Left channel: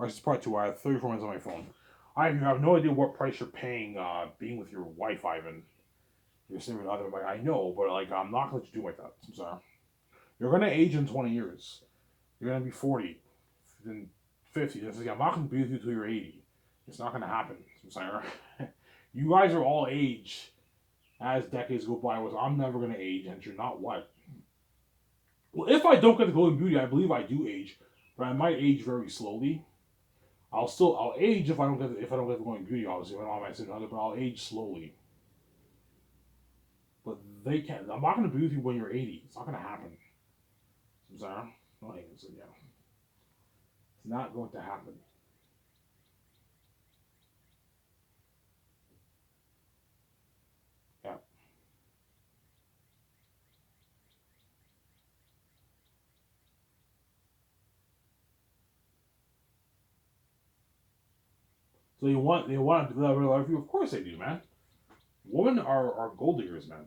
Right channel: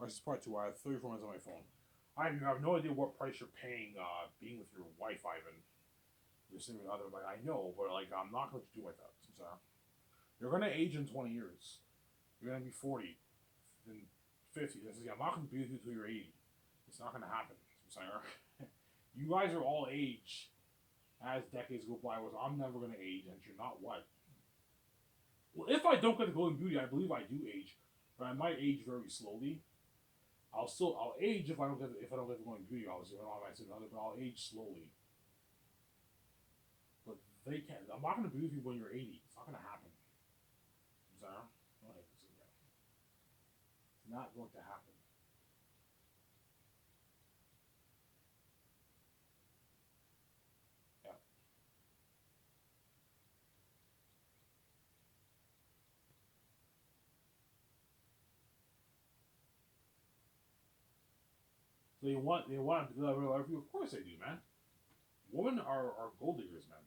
Or this is part two. I have 34 minutes on my phone. I have no idea what price you're paying being with your wife, Ivan. Your significant other. Like, I know, but like, I'm not going to let you do like that. I'm sorry. You're going to age in 20 years. You're going to be 40, then 50. I'm not going to be with you until you're 80. It's not going to happen. I'm sorry. You guys are all age as decades go by. I'm never going to age, and you're not what? Well, if I don't get the golden beauty, I believe I do age, but I might age very slowly. I'll age if I don't get the golden beauty. Obviously, if I don't have my significant other, but I'll age slowly. But they can't. I'm not going to be with you when you're 80. It's not going to happen. I'm sorry. No, so yeah, it's not going to happen. Yeah. So they want to live a life for you. Of course they do, man. Women are gold diggers, man.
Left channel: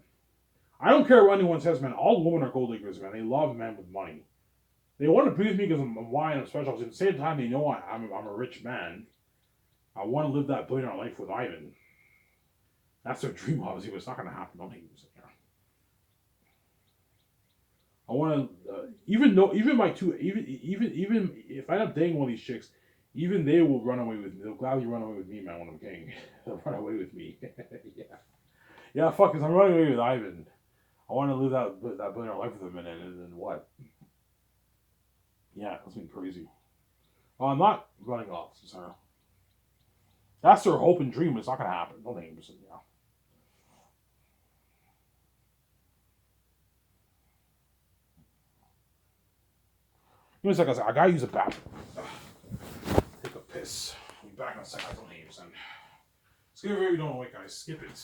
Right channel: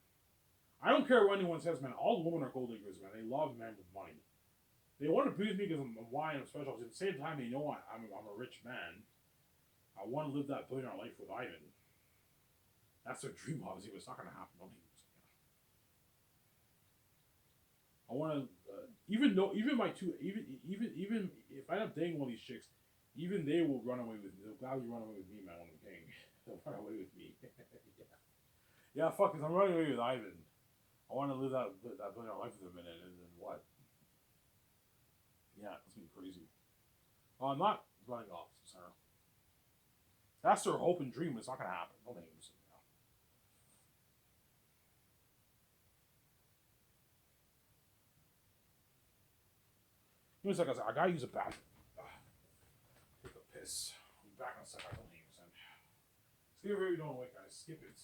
I don't care what anyone says, man. All women are gold diggers, man. They love men with money. They want to be with me because I'm why I'm special. At the same time, they know I'm a rich man. I want to live that billionaire life with Ivan. That's their dream, obviously, but it's not going to happen. Don't hate me. I want to even though even my two even if I end up dating one of these chicks, even they will run away with me. They'll gladly run away with me, man. When I'm king, they'll run away with me. Yeah, yeah. Fuck, cause I'm running away with Ivan. I want to live that billionaire life with him, and then what? Yeah, that's been crazy. Well, I'm not running off, Sarah. That's their hope and dream. It's not gonna happen. Don't think it. Yeah. Give me a second. I gotta use a bathroom. Take a piss. I'll be back in a second. I don't hate you, son. Skip it if you don't wait, guys. Skip it.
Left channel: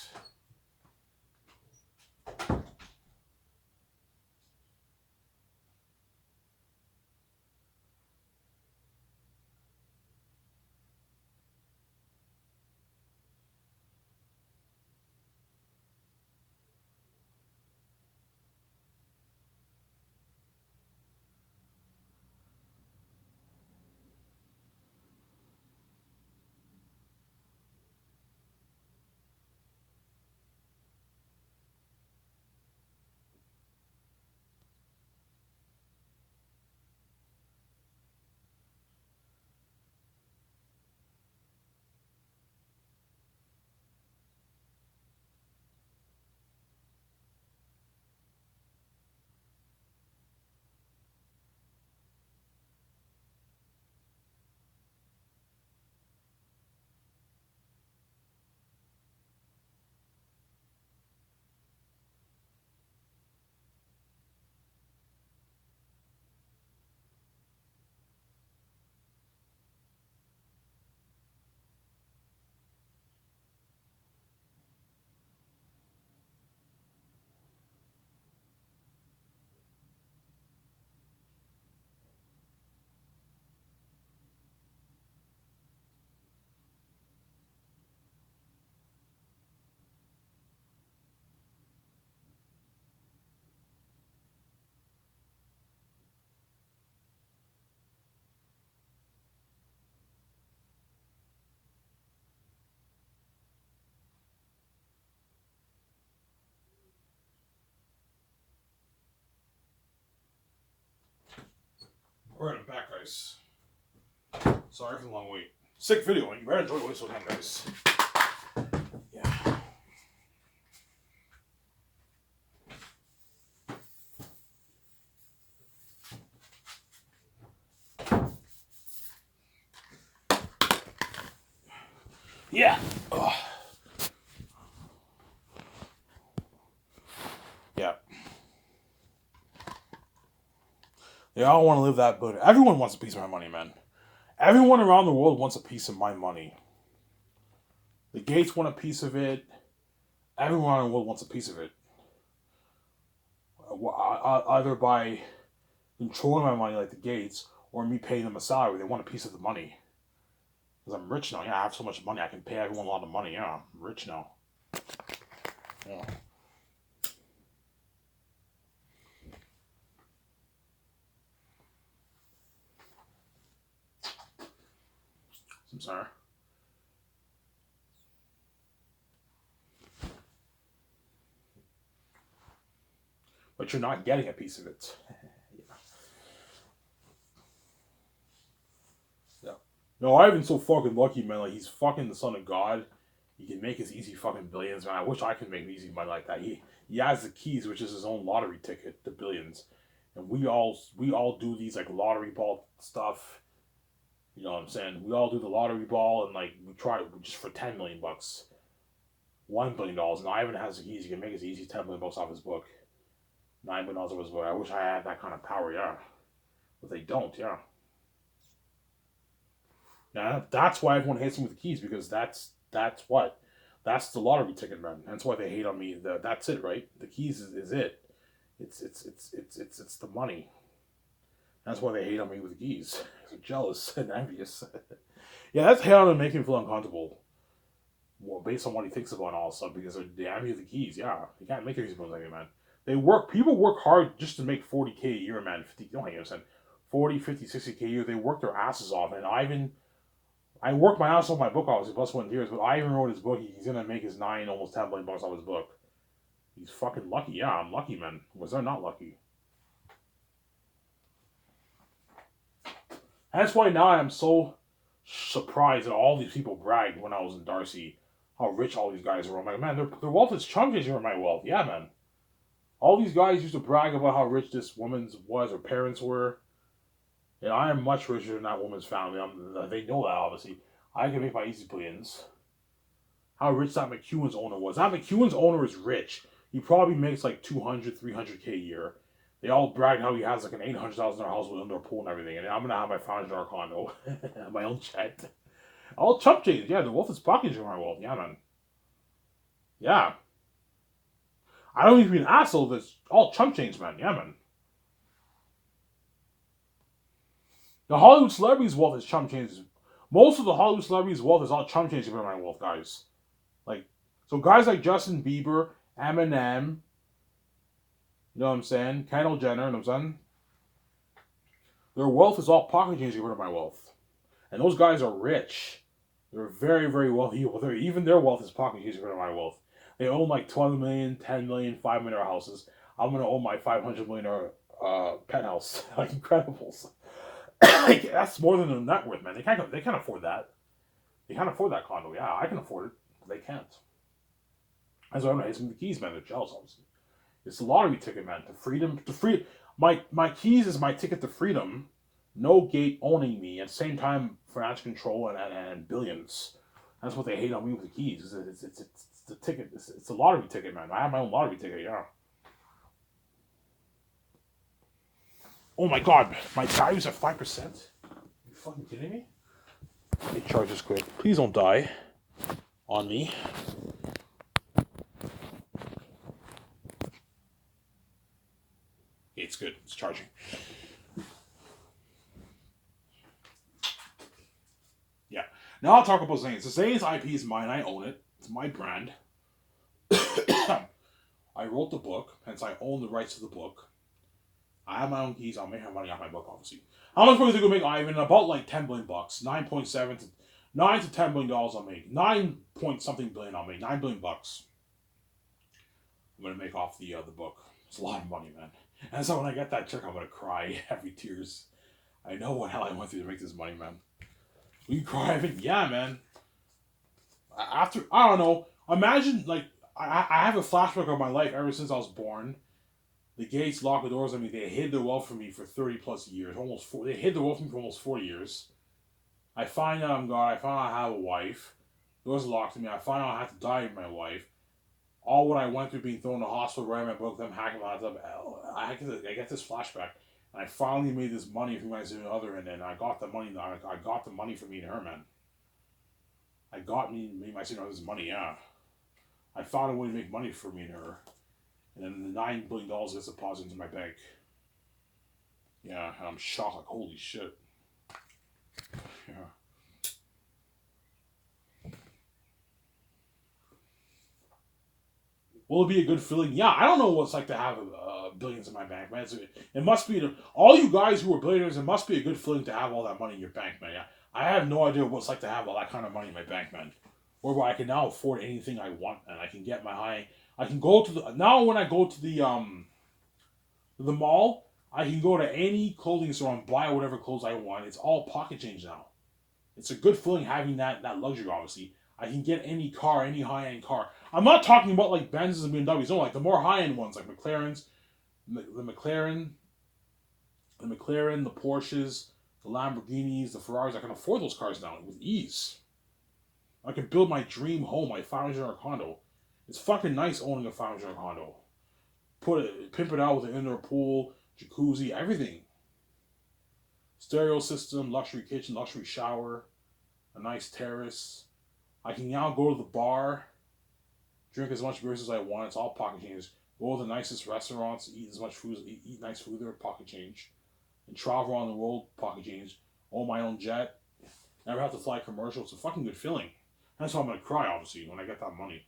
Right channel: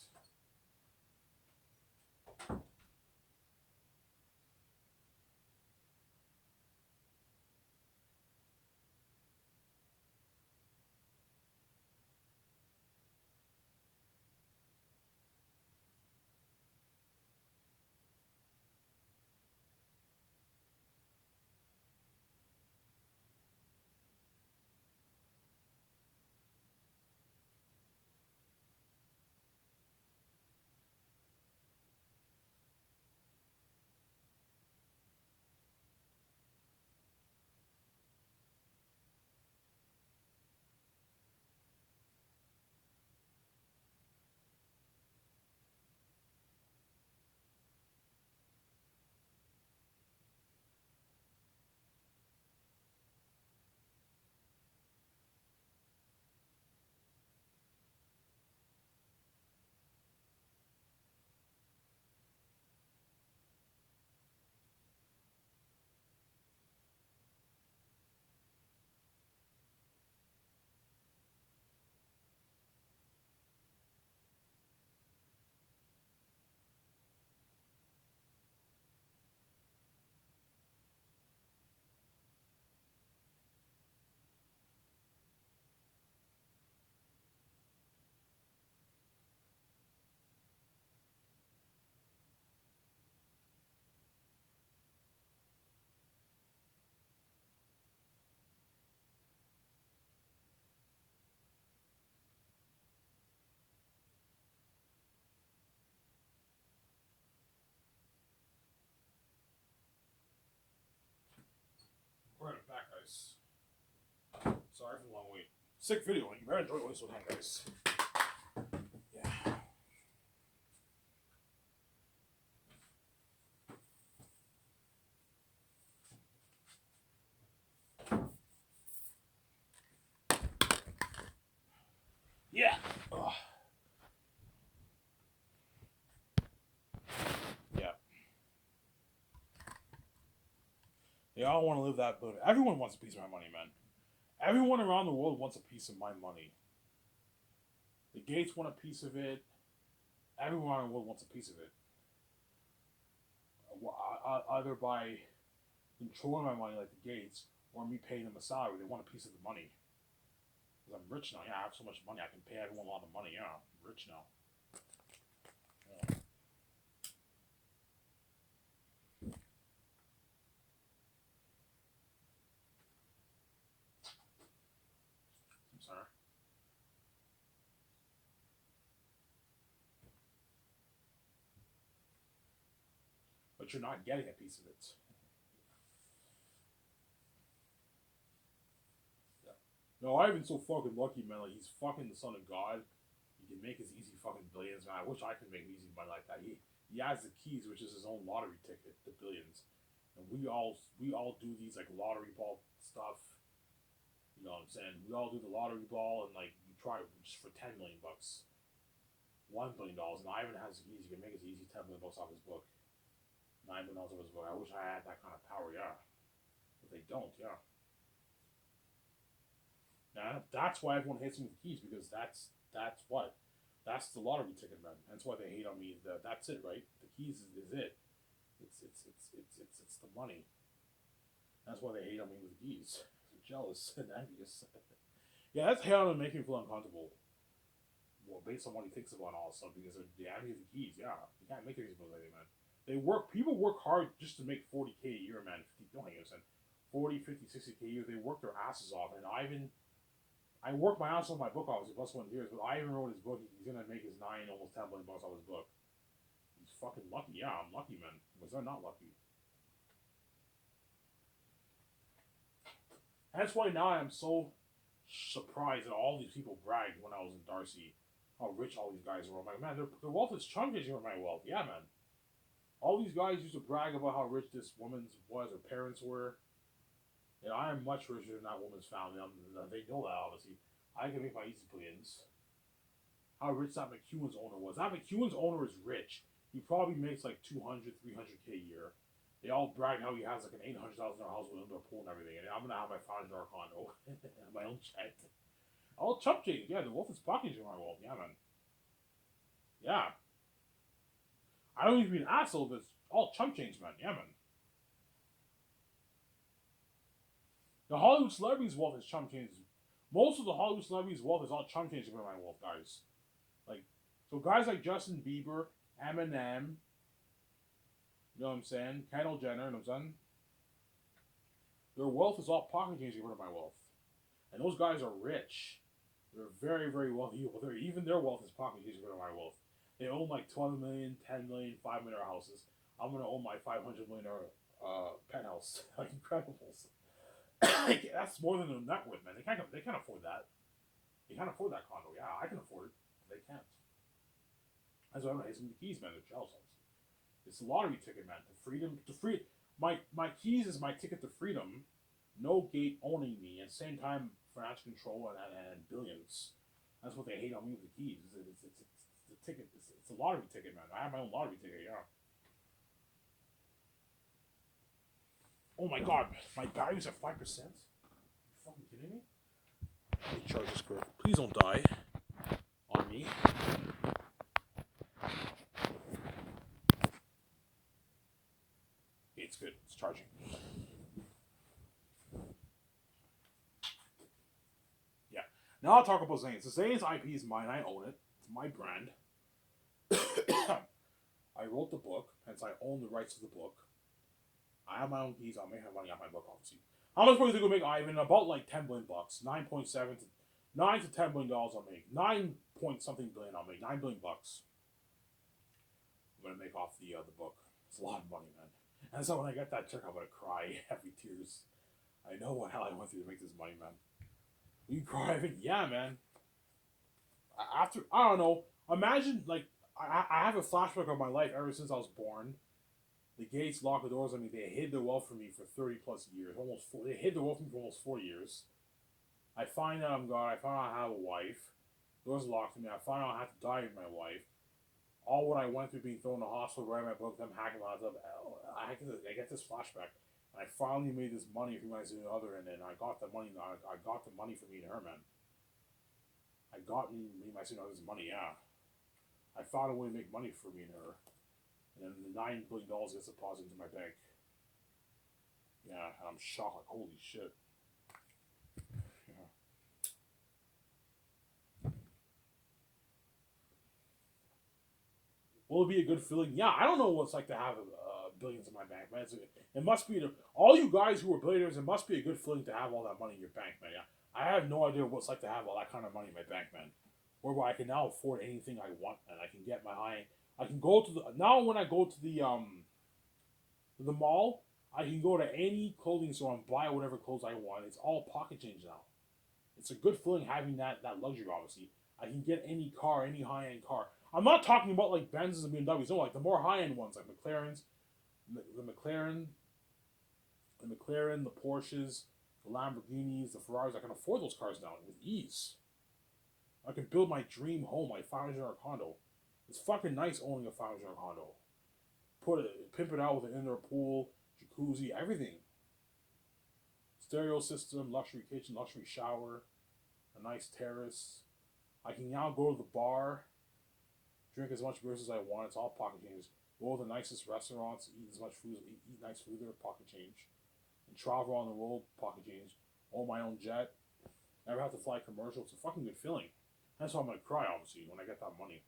Alright, I'm back, guys. Sorry for the long wait. Sick video, and you better enjoy it so time, guys. Yeah. Yeah. Ugh. Yeah. They all want to live that good. Everyone wants a piece of my money, man. Everyone around the world wants a piece of my money. The Gates want a piece of it. Everyone around the world wants a piece of it. Either by controlling my money like the Gates or me paying them a salary. They want a piece of the money. Because I'm rich now. Yeah, I have so much money. I can pay everyone a lot of money. Yeah, I'm rich now. Yeah. I'm sorry. But you're not getting a piece of it. Yeah. No, Ivan's so fucking lucky, man. Like, he's fucking the son of God. He can make his easy fucking billions, man. I wish I could make easy money like that. He has the keys, which is his own lottery ticket to billions. And we all do these like lottery ball stuff. You know what I'm saying? We all do the lottery ball and like we try just for $10 million, $1 billion. And Ivan has the keys. He can make his easy $10 million off his book. $9 off his book. I wish I had that kind of power, yeah. But they don't, yeah. Yeah, that's why everyone hates him with the keys, because that's what. That's the lottery ticket, man. That's why they hate on me. That's it, right? The keys is it. It's the money. That's why they hate on me with the keys. They're jealous and envious. Yeah, that's how to make him feel uncomfortable. Well, based on what he thinks about all stuff, because they're envy of the keys. Yeah, you can't make these moves like that, man. People work hard just to make 40K a year, man. 50, don't hang yourself. 40, 50, 60K a year. They work their asses off. And I worked my ass off my book, obviously, plus 1 years, but Ivan wrote his book. He's going to make his almost $10 million off his book. He's fucking lucky. Yeah, I'm lucky, man. Was I not lucky? And that's why now I'm so surprised that all these people bragged when I was in Darcy how rich all these guys were. I'm like, man, their wealth is chunk change over my wealth. Yeah, man. All these guys used to brag about how rich this woman was, her parents were. And I am much richer than that woman's family. They know that, obviously. I can make my easy billions. How rich that McEwen's owner was. That McEwen's owner is rich. He probably makes like 200, 300K a year. They all brag how he has like an $800,000 house with indoor pool and everything. And I'm going to have my $500 condo. My own jet. All chump change. Yeah, the wealth is packaging my wealth. Yeah, man. Yeah. I don't need to be an asshole. That's all chump change, man. Yeah, man. The Hollywood celebrities' wealth is chump change. Most of the Hollywood celebrities' wealth is all chump change compared to my wealth, guys. Like, so guys like Justin Bieber, Eminem, you know what I'm saying? Kendall Jenner, you know what I'm saying? Their wealth is all pocket change compared to my wealth. And those guys are rich. They're very, very wealthy. Even their wealth is pocket change compared to my wealth. They own like 12 million, 10 million, $5 million houses. I'm going to own my $500 million penthouse. Like, Incredibles. Like, that's more than a net worth, man. They can't afford that. They can't afford that condo. Yeah, I can afford it, but they can't. That's why I'm not hitting the keys, man. They're jealous, obviously. It's the lottery ticket, man. My keys is my ticket to freedom. No gate owning me. At the same time, financial control and billions. That's what they hate on me with the keys. It's the ticket. It's the lottery ticket, man. I have my own lottery ticket. Yeah. Oh my god, my battery's at 5%. Are you fucking kidding me? It charges quick. Please don't die on me. It's good. It's charging. Yeah. Now I'll talk about Zane's. The Zane's IP is mine. I own it. It's my brand. I wrote the book, hence I own the rights to the book. I have my own keys. I'll make my money off my book, obviously. How much money is it going to make Ivan? About like $10 billion. 9.7 to $9 to $10 billion I'll make. 9 point something billion I'll make. $9 billion. I'm going to make off the book. It's a lot of money, man. And so when I get that check, I'm going to cry. Heavy tears. I know what hell I went through to make this money, man. Will you cry, Ivan? Yeah, man. After, I don't know. Imagine, like, I have a flashback of my life ever since I was born. The gates locked the doors on me. They hid their wealth from me for 30 plus years. They hid their wealth from me for almost 40 years. I find out I'm God. I find out I have a wife. Doors locked to me. I find out I have to die with my wife. All what I went through being thrown in the hospital, writing my book, them hacking my laptop. I get this flashback. And I finally made this money from my significant other, and then I got the money. I got the money for me and her, man. I got me my significant other's money, yeah. I found a way to make money for me and her. And then the $9 billion gets deposited into my bank. Yeah, and I'm shocked, like, holy shit. Yeah. Will it be a good feeling? Yeah, I don't know what it's like to have billions in my bank, man. It must be, all you guys who are billionaires, it must be a good feeling to have all that money in your bank, man. Yeah. I have no idea what it's like to have all that kind of money in my bank, man. Whereby I can now afford anything I want, and I can get my high. I can go to the now when I go to the mall. I can go to any clothing store and buy whatever clothes I want. It's all pocket change now. It's a good feeling having that luxury. Obviously, I can get any car, any high end car. I'm not talking about like Benz's and BMWs. No, like the more high end ones, like McLarens, the McLaren, the Porsches, the Lamborghinis, the Ferraris. I can afford those cars now with ease. I can build my dream home, my $500 condo. It's fucking nice owning a $500 condo. Pimp it out with an indoor pool, jacuzzi, everything. Stereo system, luxury kitchen, luxury shower, a nice terrace. I can now go to the bar, drink as much beers as I want. It's all pocket change. Go to the nicest restaurants, eat as much food, eat nice food there, pocket change. And travel around the world, pocket change. Own my own jet. Never have to fly commercial. It's a fucking good feeling. That's why I'm gonna cry, obviously, when I get that money.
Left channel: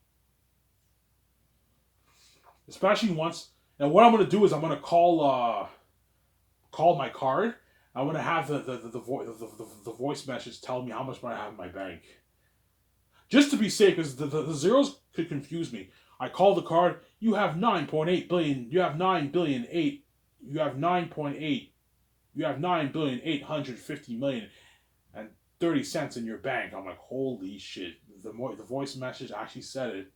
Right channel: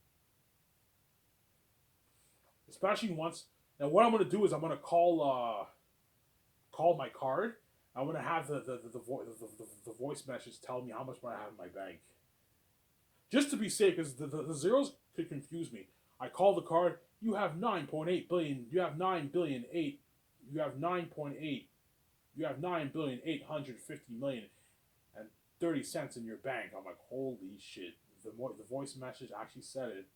Especially once. And what I'm gonna do is I'm gonna call my card. I'm gonna have the voice message tell me how much money I have in my bank. Just to be safe, because the zeros could confuse me. I call the card. You have 9.8 billion. You have 9 billion 8. You have 9.8. You have 9,850,000,000 and 30 cents in your bank. I'm like, holy shit. The voice message actually said it.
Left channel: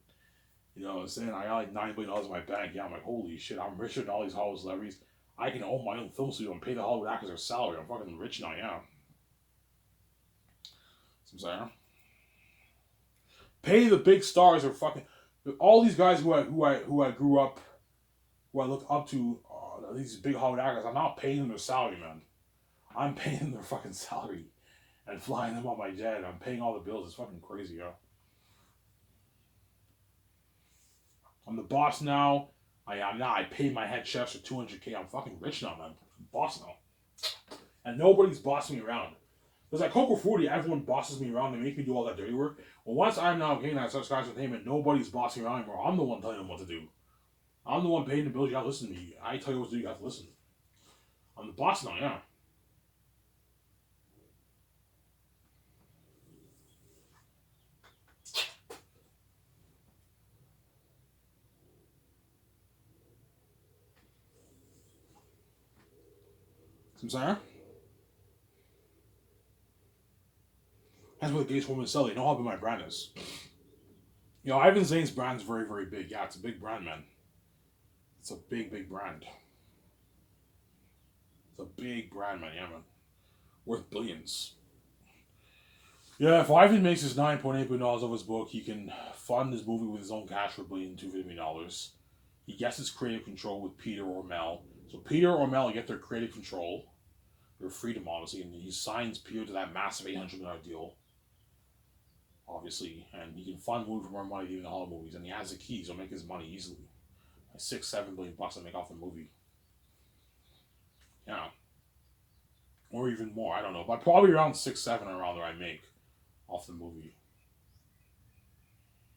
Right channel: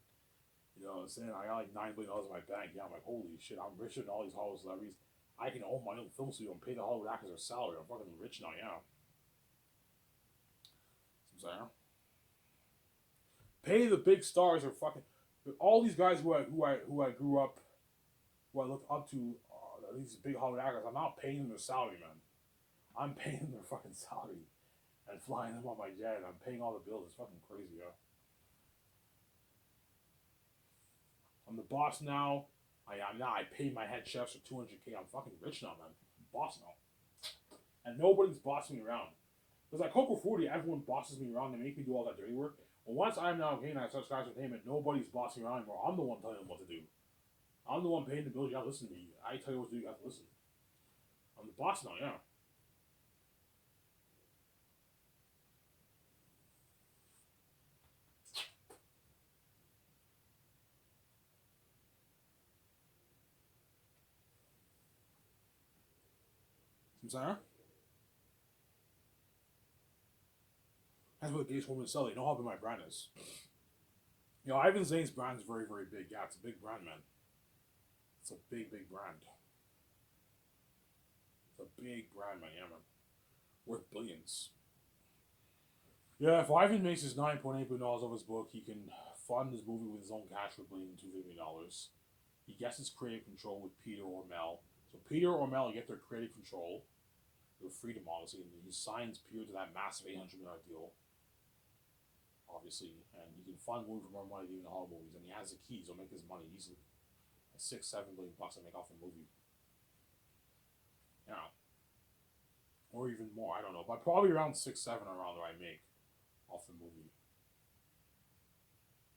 You know what I'm saying? I got like $9 billion in my bank. Yeah, I'm like, holy shit, I'm richer than all these Hollywood celebrities. I can own my own film studio and pay the Hollywood actors their salary. I'm fucking rich now, yeah. So I'm saying? Pay the big stars or fucking all these guys who I grew up, who I looked up to, these big Hollywood actors. I'm not paying them their salary, man. I'm paying them their fucking salary and flying them on my jet. I'm paying all the bills. It's fucking crazy, yo. I'm the boss now. I am now. I paid my head chefs for 200K. I'm fucking rich now, man. I'm boss now. And nobody's bossing me around. Because at Coco Fruity, everyone bosses me around. They make me do all that dirty work. Well, once I'm now getting that such guys entertainment, nobody's bossing me around anymore. I'm the one telling them what to do. I'm the one paying the bills. You gotta listen to me. I tell you what to do. You have to listen. I'm the boss now, yeah. I'm saying? That's what the gays women sell. They know how big my brand is. You know, Ivan Zane's brand's very, very big. Yeah, it's a big brand, man. It's a big, big brand. It's a big brand, man. Yeah, man. Worth billions. Yeah, if Ivan makes his $9.8 billion off his book, he can fund his movie with his own cash for $1,250,000,000. He gets his creative control with Peter or Mel. So Peter or Mel get their creative control, their freedom, obviously, and he signs Peter to that massive $800 million deal, obviously, and he can fund movie for more money than even the Hollywood movies, and he has the keys. He'll make his money easily, like $6-7 billion to make off the movie. Yeah, or even more. I don't know, but probably around 6-7 around there I make off the movie.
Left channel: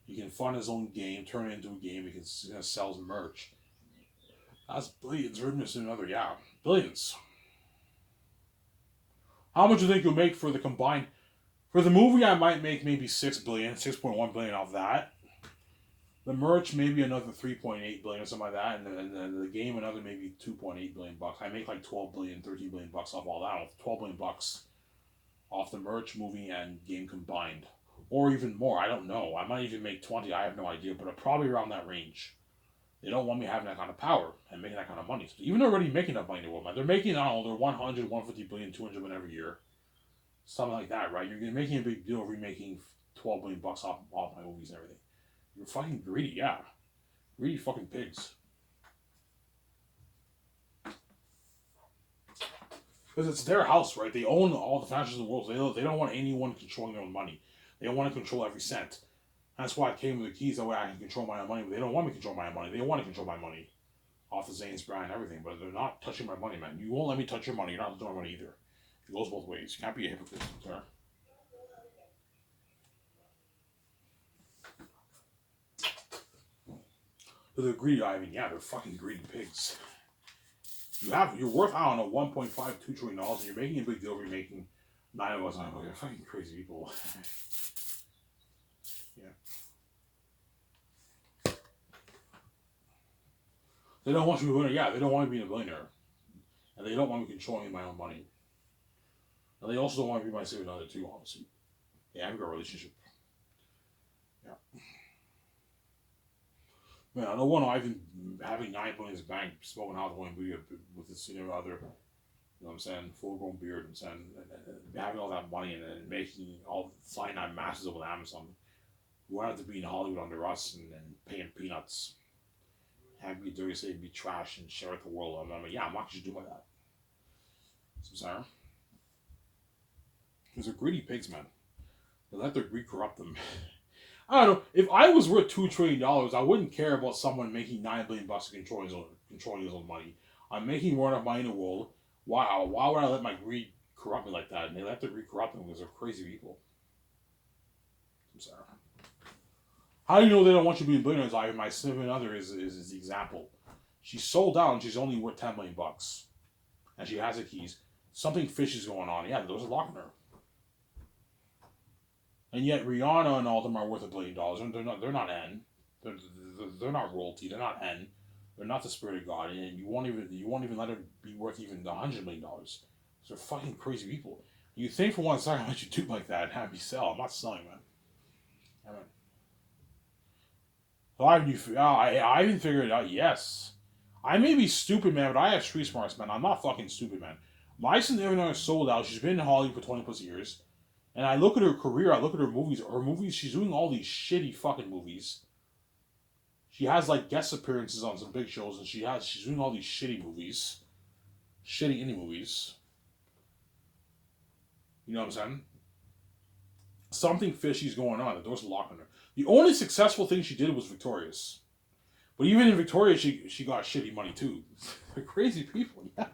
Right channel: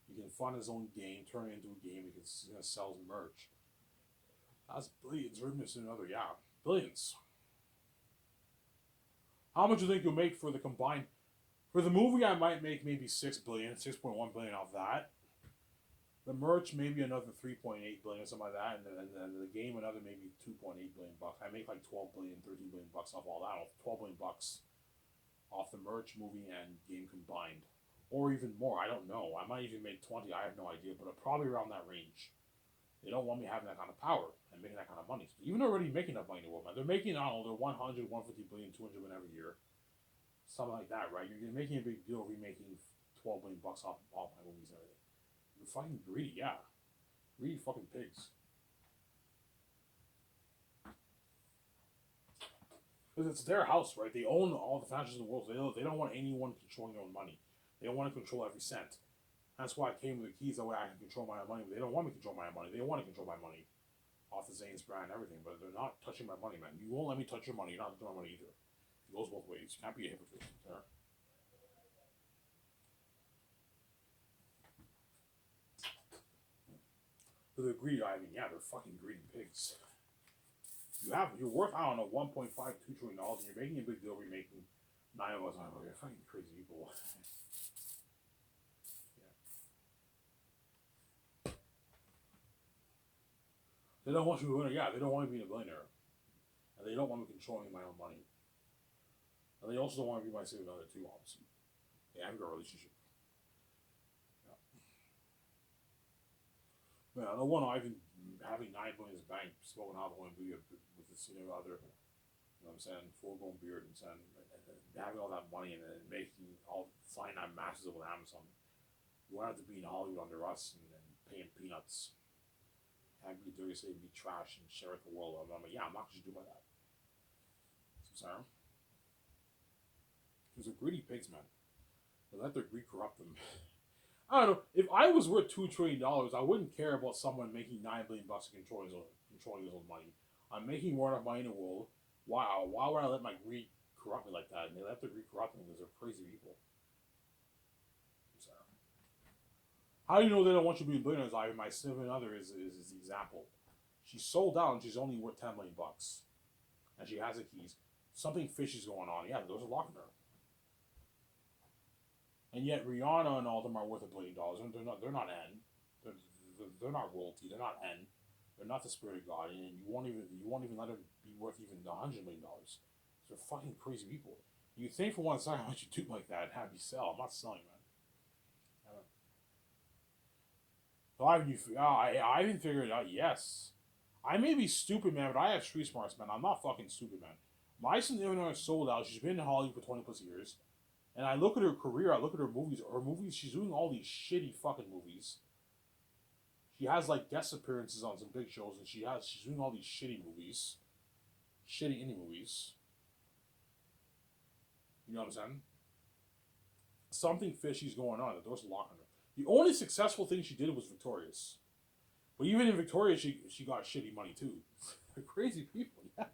He can fund his own game, turn it into a game. He can sell his merch. That's billions. We're missing another, yeah, billions. How much do you think you'll make for the combined? For the movie, I might make maybe 6 billion, 6.1 billion off that. The merch maybe another 3.8 billion or something like that, and then the game another maybe 2.8 billion bucks. I make like 12 billion, 13 billion bucks off all that. 12 billion bucks off the merch, movie, and game combined, or even more. I don't know. I might even make 20. I have no idea, but probably around that range. They don't want me having that kind of power and making that kind of money. So even they're already making that money in the world, man. They're making, I don't know, they're 100, 150 billion, 200 billion every year. Something like that, right? You're making a big deal of remaking 12 billion bucks off my movies and everything. You're fucking greedy, yeah. Greedy fucking pigs. Because it's their house, right? They own all the franchises in the world. So they don't want anyone controlling their own money. They don't want to control every cent. That's why I came with the keys. That way I can control my own money. But they don't want me to control my own money. They want to control my money off the Zane's brand and everything. But they're not touching my money, man. You won't let me touch your money. You're not touching my money either. It goes both ways. You can't be a hypocrite, sir. But they're greedy, Ivan. Yeah, they're fucking greedy pigs. You're worth, I don't know, $1.52 trillion, and you're making a big deal. You're making Nine of us, they're fucking crazy people. Yeah. They don't want you to be a billionaire. Yeah, they don't want me to be a billionaire. And they don't want me controlling my own money. And they also don't want me to be my significant other too, obviously. Yeah, I have a good relationship. Yeah. Man, I don't want Ivan having 9 billion in his bank, smoking hot oil with his significant other. You know what I'm saying? Full grown beard, I'm saying, and having all that money and making all flying that masses over Amazon. You want to be in Hollywood under us and paying peanuts. Have me dirty, say be trash and share it the world. I'm like, yeah, I'm not going to do like that. So, sorry. Because they're greedy pigs, man. They let their greed corrupt them. I don't know. If I was worth $2 trillion, I wouldn't care about someone making $9 billion and controlling his own money. I'm making more enough money in the world. Why would I let my greed corrupt me like that? And they let their greed corrupt them because they're crazy people. I'm sorry. How do you know they don't want you to be billionaires? I my significant other is the example. She's sold out and she's only worth $10 million, and she has the keys. Something fishy is going on. Yeah, there's a lock in her. And yet Rihanna and all of them are worth $1 billion. And they're not N. They're not royalty. They're not N. They're not the spirit of God. And you won't even let her be worth even $100 million. So they're fucking crazy people. You think for one second, let you do like that and have me sell. I'm not selling, man. I mean, so I even figured it out. Yes, I may be stupid, man, but I have street smarts, man. I'm not fucking stupid, man. My significant is sold out. She's been in Hollywood for 20 plus years. And I look at her career, I look at her movies. Her movies, she's doing all these shitty fucking movies. She has like guest appearances on some big shows, and she's doing all these shitty movies, shitty indie movies. You know what I'm saying? Something fishy's going on. The door's locked on her. The only successful thing she did was Victorious, but even in Victorious, she got shitty money too. They're crazy people. Yeah,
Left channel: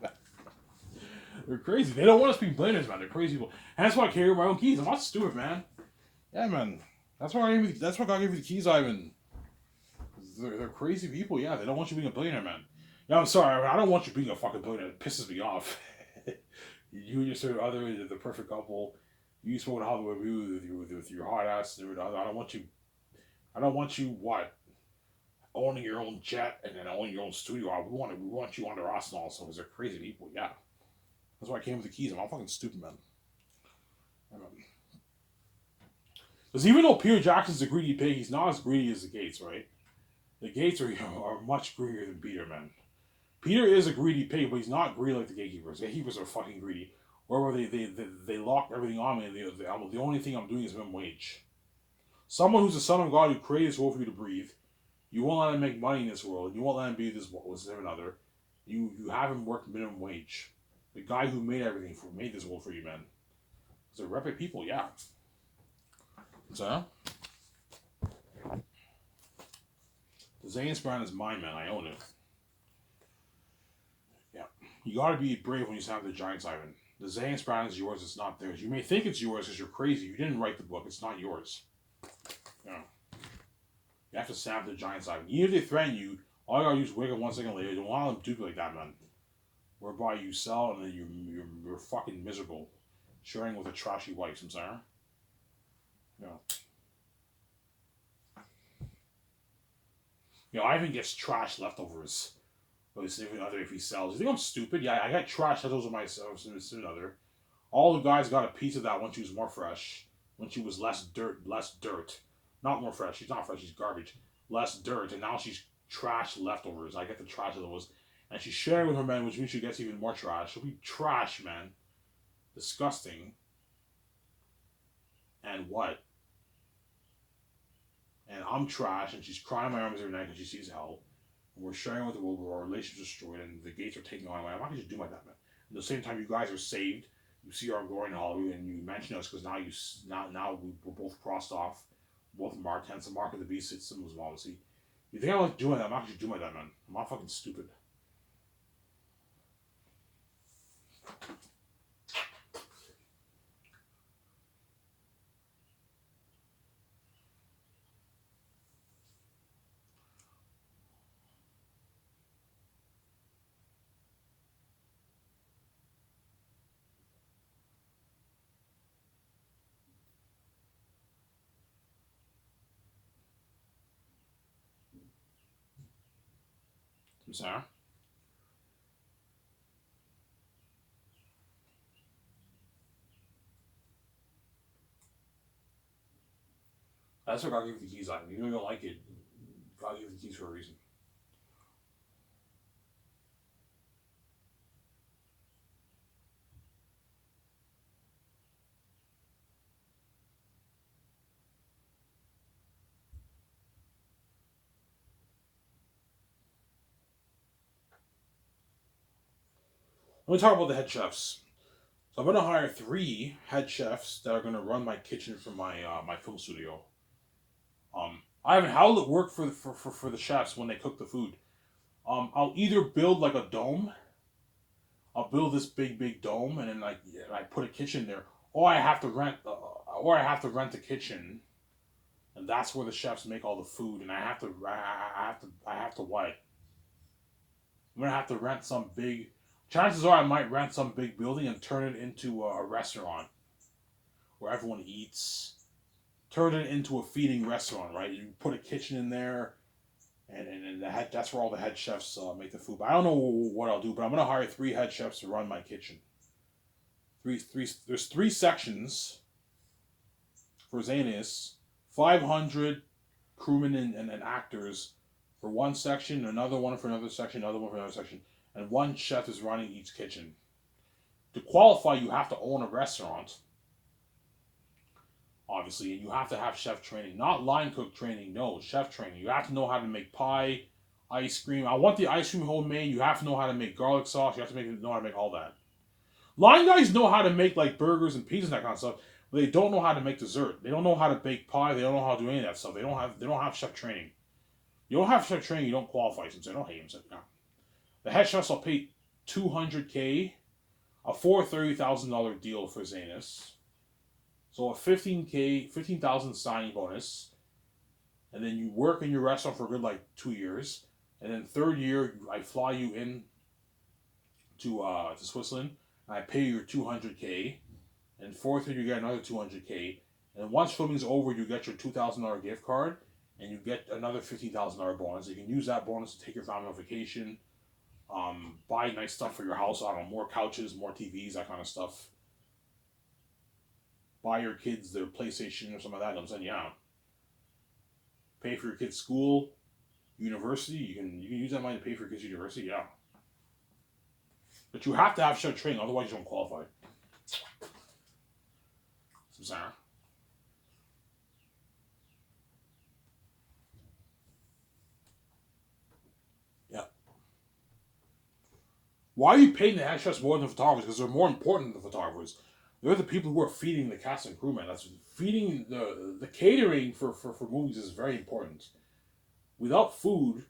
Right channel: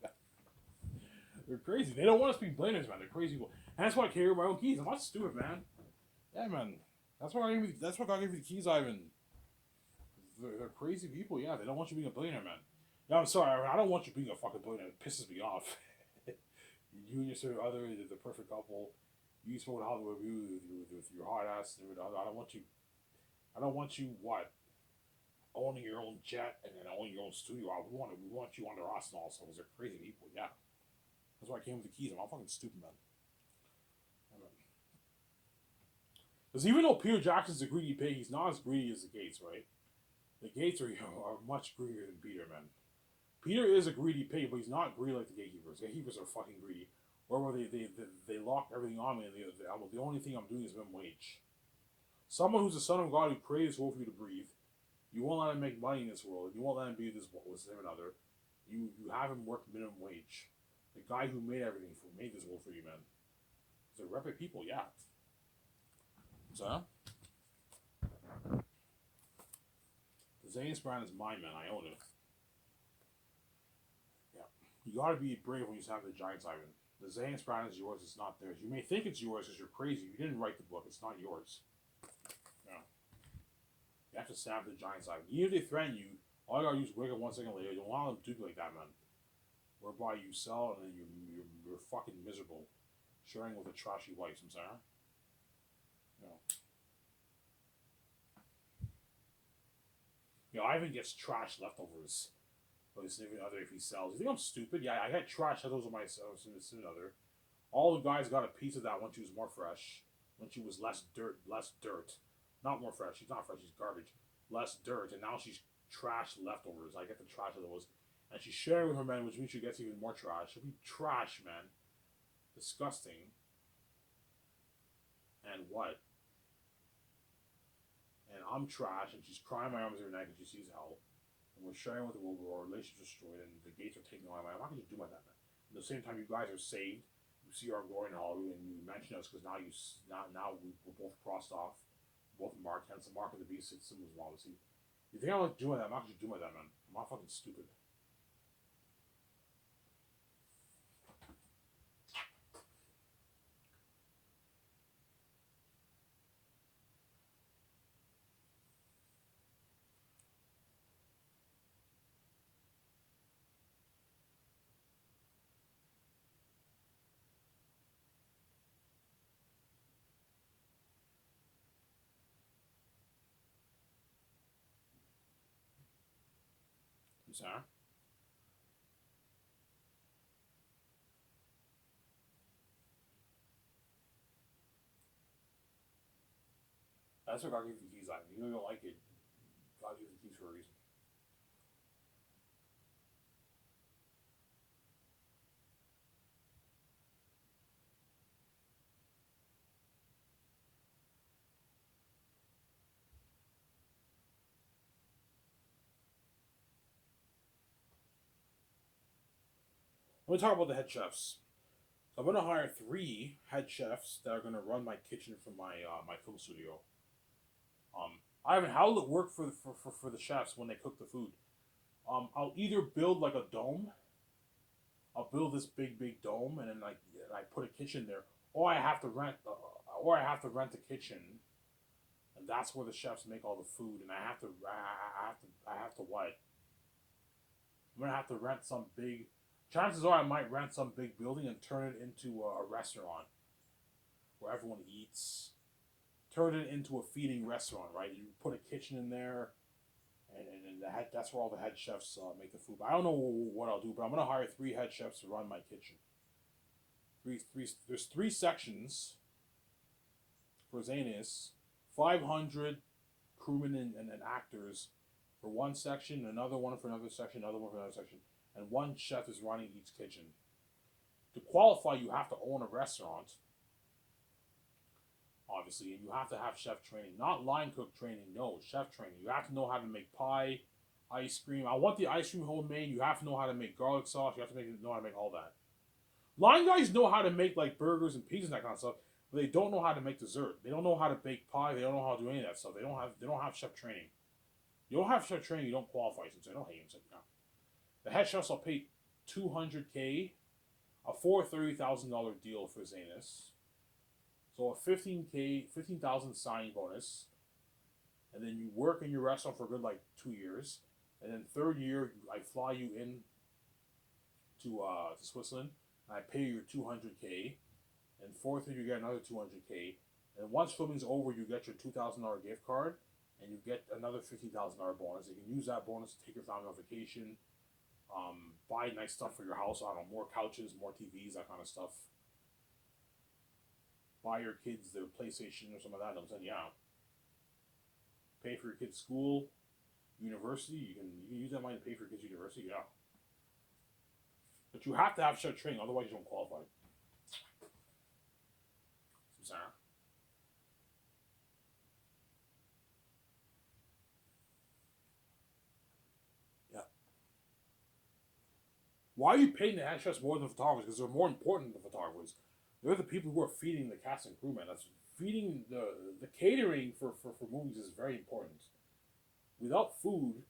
they're crazy. They don't want us to be billionaires, man. They're crazy people, and that's why I carry my own keys. I'm not stupid, man. Yeah, man. That's why I gave you the keys, Ivan. They're crazy people. Yeah, they don't want you being a billionaire, man. Yeah, I'm sorry. I don't want you being a fucking billionaire. It pisses me off. You and your sort of other, the perfect couple. You smoke Hollywood with your hot ass. I don't want you. I don't want you what owning your own jet and then owning your own studio. We want you under us and also because they're crazy people. Yeah, that's why I came with the keys. I'm not fucking stupid, man. Because even though Peter Jackson's a greedy pig, he's not as greedy as the Gates, right? The Gates are much greedier than Peter, man. Peter is a greedy pig, but he's not greedy like the gatekeepers. The gatekeepers are fucking greedy. Where they lock everything on me. And the only thing I'm doing is minimum wage. Someone who's the son of God who created this world for you to breathe. You won't let him make money in this world. You won't let him be this another. You have him work minimum wage. The guy who made everything made this world for you, man. They're reputable people, yeah. So, the Zane's brand is mine, man. I own it. Yeah. You gotta be brave when you sign up the Giants, Ivan. The Zane's brand is yours, it's not theirs. You may think it's yours because you're crazy. You didn't write the book, it's not yours. Yeah. You have to sign up the Giants, Ivan. Even if they threaten you, all you gotta do is wake up 1 second later. Don't allow them to do like that, man. Whereby you sell and then you're fucking miserable. Sharing with a trashy wife, I'm sorry. Yeah. Ivan gets trash leftovers. But his significant other, if he sells, you think I'm stupid? Yeah, I got trash leftovers of my significant other. All the guys got a piece of that when she was more fresh, when she was less dirt, not more fresh. She's not fresh. She's garbage, less dirt, and now she's trash leftovers. I get the trash leftovers, and she's sharing with her men, which means she gets even more trash. She'll be trash, man, disgusting. And what? And I'm trash, and she's crying my arms every night because she sees hell. And we're sharing with the world where our relationship's destroyed, and the gates are taking on. I'm not going to do like that, man. At the same time, you guys are saved. You see our glory in Hollywood, and you mention us because now we're both crossed off, both marked. Hence the mark of the beast. It's symbols, obviously. You think I'm like doing that? I'm not going to do like that, man. I'm not fucking stupid. Sarah. That's what God gave you the keys on. You know you don't like it. God gave you the keys for a reason. Let me talk about the head chefs. So I'm gonna hire 3 head chefs that are gonna run my kitchen for my film studio. I haven't how will it work for the chefs when they cook the food. I'll either build like a dome. I'll build this big dome, and then like I put a kitchen there, or or I have to rent a kitchen, and that's where the chefs make all the food, and I have to what? I'm gonna have to rent some big. Chances are I might rent some big building and turn it into a restaurant where everyone eats. Turn it into a feeding restaurant, right? You put a kitchen in there, and that's where all the head chefs make the food. But I don't know what I'll do. But I'm gonna hire 3 head chefs to run my kitchen. There's 3 sections for Zanus, 500 crewmen and actors for one section, another one for another section, another one for another section, and one chef is running each kitchen. To qualify, you have to own a restaurant, obviously, and you have to have chef training, not line cook training. No, chef training. You have to know how to make pie, ice cream. I want the ice cream homemade. You have to know how to make garlic sauce. You have to know how to make all that. Line guys know how to make like burgers and pizzas and that kind of stuff, but they don't know how to make dessert. They don't know how to bake pie. They don't know how to do any of that stuff. They don't have chef training. You don't have chef training. You don't qualify. Since I don't hate him, so no. The head chefs will pay $200K, a $30,000 deal for Zanus. So a $15,000 signing bonus, and then you work in your restaurant for a good like 2 years, and then third year I fly you in to Switzerland, and I pay you your $200K, and fourth year you get another $200K, and once filming's over you get your $2,000 gift card, and you get another $15,000 bonus. You can use that bonus to take your family on vacation, buy nice stuff for your house. I don't know, more couches, more TVs, that kind of stuff. Buy your kids their PlayStation or something like that. I'm saying, yeah. Pay for your kids' school, university. You can use that money to pay for your kids' university. Yeah. But you have to have chef training, otherwise you don't qualify. I'm sorry. Yeah. Why are you paying the head chefs more than the photographers? Because they're more important than the photographers. They're the people who are feeding the cast and crew, man. That's feeding the catering for movies is very important. Without food,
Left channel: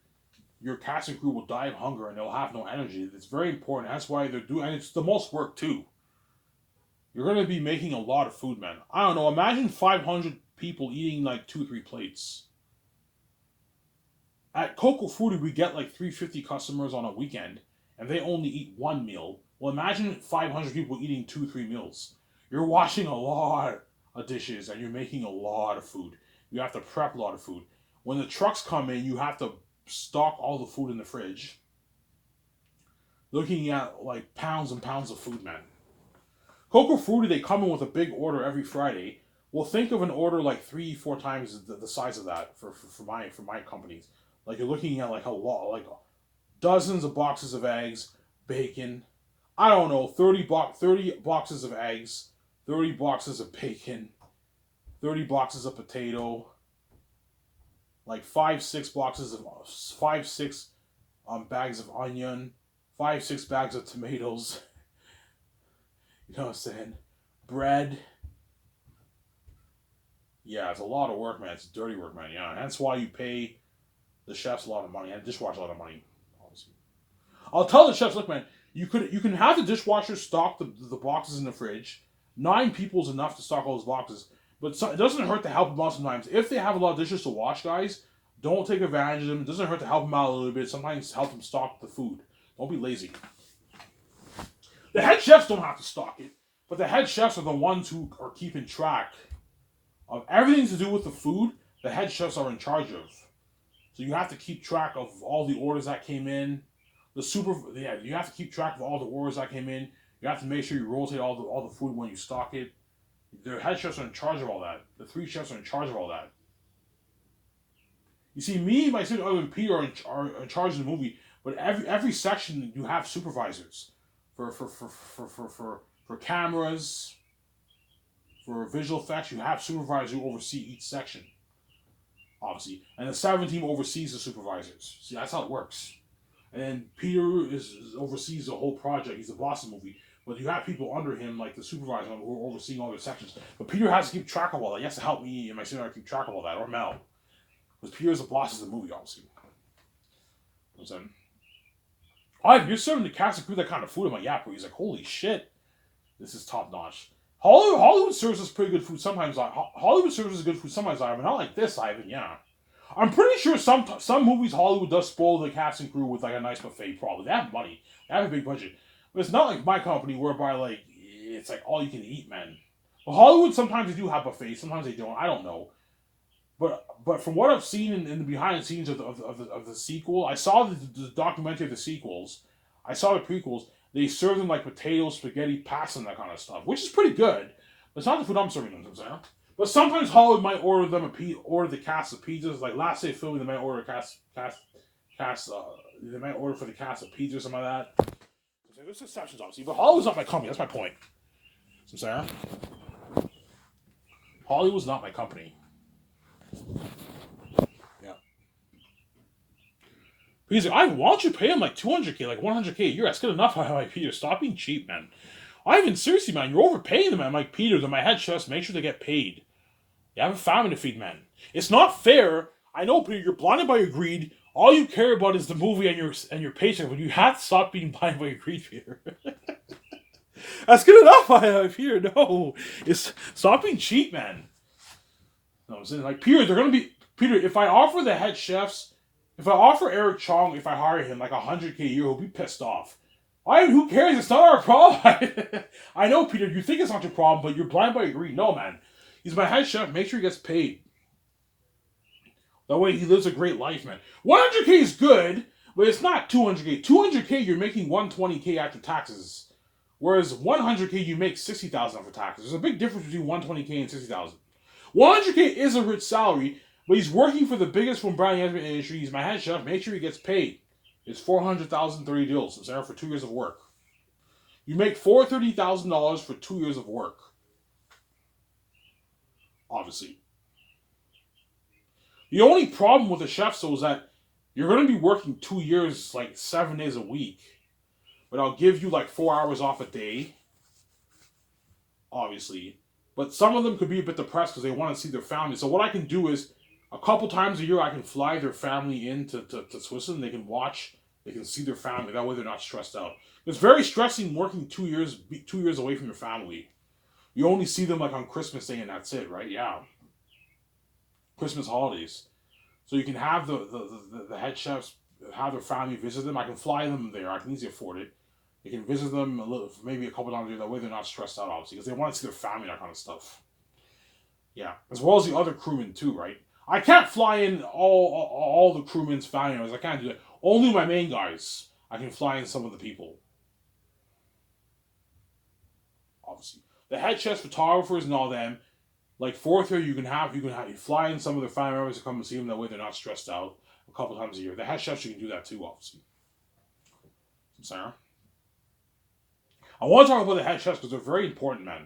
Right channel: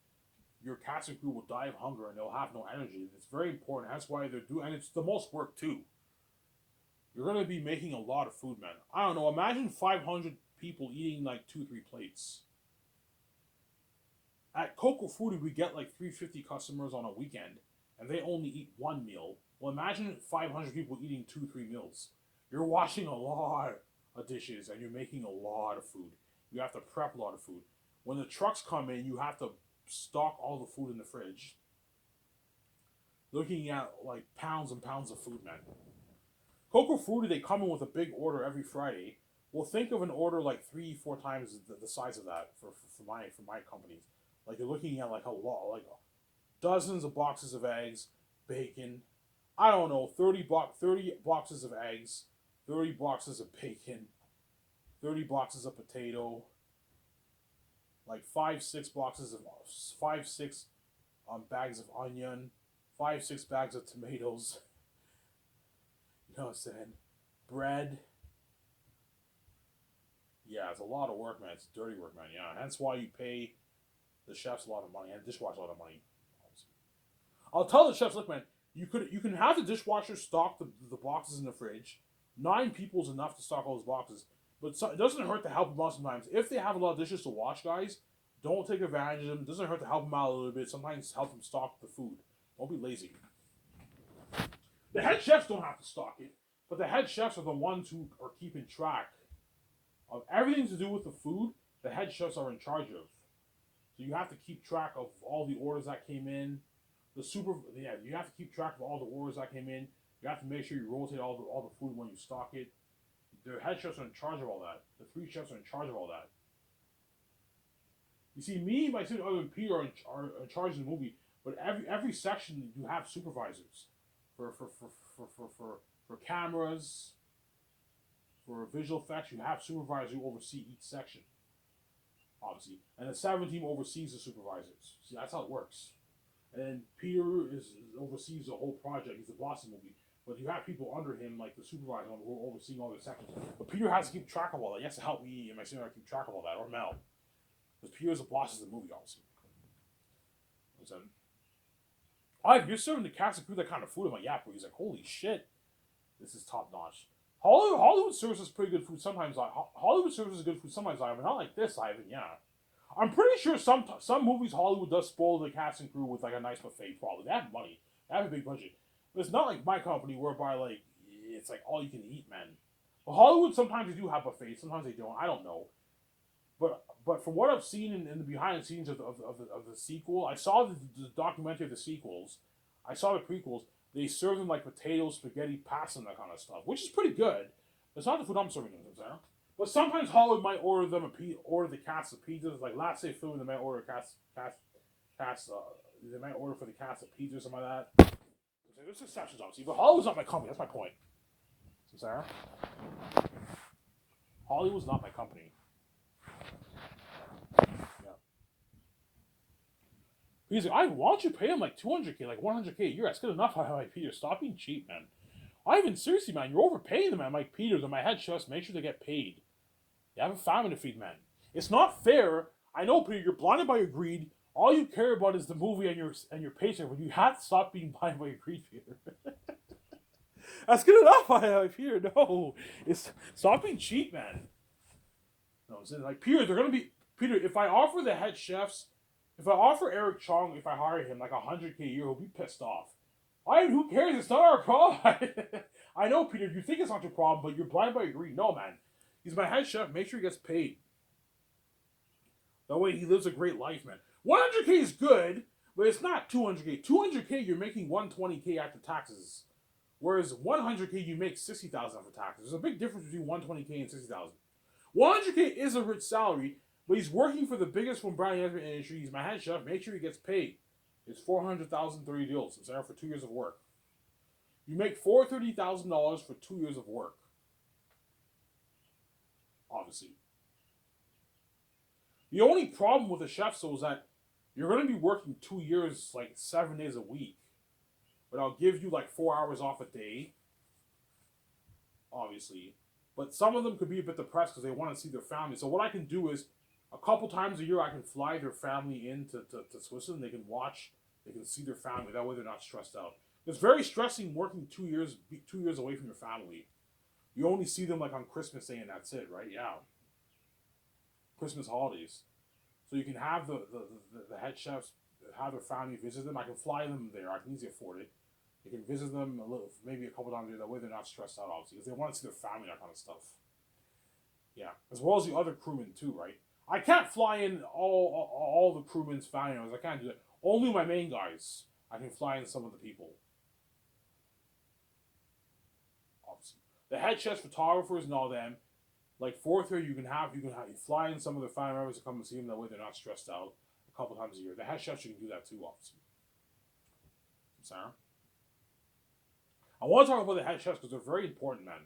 your cast and crew will die of hunger and they'll have no energy. It's very important. That's why they're doing, and it's the most work too. You're gonna be making a lot of food, man. I don't know. Imagine 500 people eating like 2-3 plates. At Coco Foodie, we get like 350 customers on a weekend, and they only eat one meal. Well, imagine 500 people eating 2-3 meals. You're washing a lot of dishes, and you're making a lot of food. You have to prep a lot of food. When the trucks come in, you have to stock all the food in the fridge. Looking at like pounds and pounds of food, man. Coco Fruity, they come in with a big order every Friday. Well, think of an order like 3-4 times the size of that for my companies. Like you're looking at like a lot, like dozens of boxes of eggs, bacon. I don't know, 30 boxes of eggs, 30 boxes of bacon, 30 boxes of potato, like 5-6 bags of onion, 5-6 bags of tomatoes. You know what I'm saying? Bread. Yeah, it's a lot of work, man. It's dirty work, man. Yeah, and that's why you pay the chefs a lot of money and the dishwasher a lot of money. Obviously, I'll tell the chefs, look, man, you can have the dishwasher stock the boxes in the fridge. 9 people is enough to stock all those boxes, but it doesn't hurt to help them out sometimes. If they have a lot of dishes to wash, guys, don't take advantage of them. It doesn't hurt to help them out a little bit. Sometimes help them stock the food. Don't be lazy. The head chefs don't have to stock it, but the head chefs are the ones who are keeping track of everything to do with the food. The head chefs are in charge of. So you have to keep track of all the orders that came in. Yeah, you have to keep track of all the orders that came in. You have to make sure you rotate all the food when you stock it. The head chefs are in charge of all that. The three chefs are in charge of all that. You see, me, my sister, and Peter are in charge of the movie, but every section you have supervisors for cameras, for visual effects. You have supervisors who oversee each section, obviously, and the 7 team oversees the supervisors. See, that's how it works. And then Peter oversees the whole project. He's the boss of the movie. But you have people under him, like the supervisor, who are overseeing all the sections. But Peter has to keep track of all that. He has to help me and my sister keep track of all that, or Mel. Because Peter's the boss of the movie, obviously. You know what I'm saying? Oh, if you're serving the cast and crew that kind of food, I'm like, yeah, bro. He's like, holy shit, this is top notch. Hollywood serves us pretty good food sometimes. Hollywood serves us good food sometimes, Ivan. Not like this, Ivan, yeah. I'm pretty sure some movies Hollywood does spoil the cast and crew with like a nice buffet. Probably they have money, they have a big budget, but it's not like my company whereby like it's like all you can eat, man. But Hollywood sometimes they do have buffets, sometimes they don't. I don't know, but from what I've seen in the behind the scenes of the sequel, I saw the documentary of the sequels, I saw the prequels. They serve them like potatoes, spaghetti, pasta, and that kind of stuff, which is pretty good. But it's not the food I'm serving them. But sometimes Hollywood might order them order the cast of pizzas. Like last day filming, they might order they might order for the cast of pizzas or something like that. There's exceptions, obviously, but Hollywood's not my company. That's my point. So, Sarah, Hollywood's not my company. Yeah. He's like, why don't you pay him like 200K, like 100K a year? That's good enough. I'm like, Peter, stop being cheap, man. Ivan, seriously, man, you're overpaying them. I'm like, Peter, they're my head chefs. Make sure they get paid. You have a family to feed, man. It's not fair. I know, Peter, you're blinded by your greed. All you care about is the movie and your paycheck, but you have to stop being blinded by your greed, Peter. That's good enough, Peter. No, it's stop being cheap, man. No, I'm saying like Peter, they're gonna be Peter. If I offer the head chefs, if I offer Eric Chong, if I hire him like 100K a year, he'll be pissed off. Who cares? It's not our problem. I know, Peter. You think it's not your problem, but you're blinded by your greed. No, man. He's my head chef. Make sure he gets paid. That way he lives a great life, man. 100K is good, but it's not 200K. 200K, you're making 120K after taxes. Whereas 100K, you make 60,000 after taxes. There's a big difference between 120K and 60,000. 100K is a rich salary, but he's working for the biggest from brand management industry. He's my head chef. Make sure he gets paid. It's 400,000 30 deals. I'm saying for 2 years of work. You make $430,000 for 2 years of work. Obviously. The only problem with the chefs though is that you're going to be working 2 years, like 7 days a week, but I'll give you like 4 hours off a day. Obviously, but some of them could be a bit depressed because they want to see their family. So what I can do is, a couple times a year, I can fly their family in to Switzerland. They can watch, they can see their family. That way, they're not stressed out. It's very stressing working 2 years away from your family. You only see them like on Christmas Day and that's it, right? Yeah. Christmas holidays. So you can have the head chefs have their family visit them. I can fly them there. I can easily afford it. They can visit them maybe a couple times a year. That way they're not stressed out, obviously, because they want to see their family, that kind of stuff. Yeah, as well as the other crewmen too, right? I can't fly in all the crewmen's family members. I can't do that. Only my main guys. I can fly in some of the people. Obviously, the head chefs, photographers, and all them. Like fourth year, you fly in some of their family members to come and see them. That way, they're not stressed out a couple times a year. The head chefs, you can do that too, obviously. Sarah, I want to talk about the head chefs because they're very important, man.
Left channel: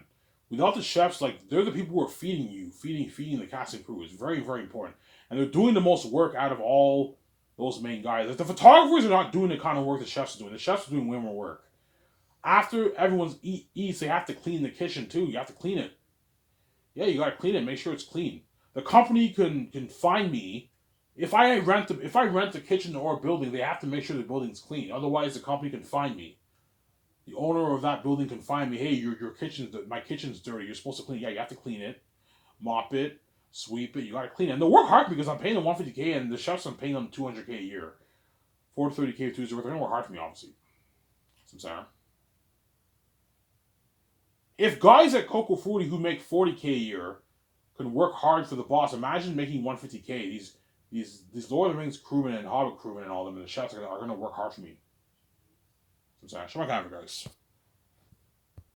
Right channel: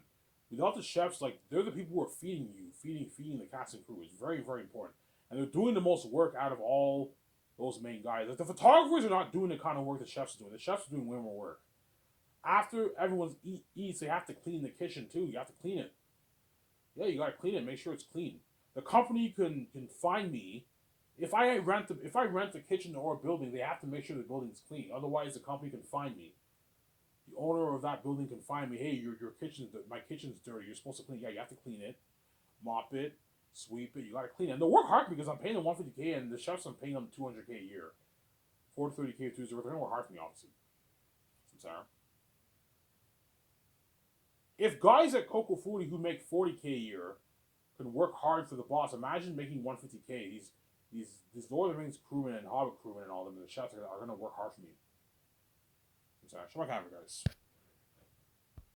Without the chefs, like they're the people who are feeding you, feeding the cast and crew. It's very, very important, and they're doing the most work out of all those main guys. Like the photographers are not doing the kind of work the chefs are doing. The chefs are doing way more work. After everyone's eats, they have to clean the kitchen too. You have to clean it. Yeah, you gotta clean it. Make sure it's clean. The company can find me if I rent the kitchen or a building. They have to make sure the building's clean. Otherwise, the company can find me. The owner of that building can find me. Hey, my kitchen's dirty. You're supposed to clean it. Yeah, you have to clean it, mop it, sweep it. You gotta clean it. And they work hard because I'm paying them 150K, and the chefs I'm paying them 200K a year, 430K 2 years. They're gonna work hard for me, obviously. I'm sorry. If guys at Coco Frutti who make 40K a year can work hard for the boss, imagine making 150K. These Lord of the Rings crewmen and Hobbit crewmen and all them, and the chefs are gonna work hard for me. Shabbat Shalom, guys.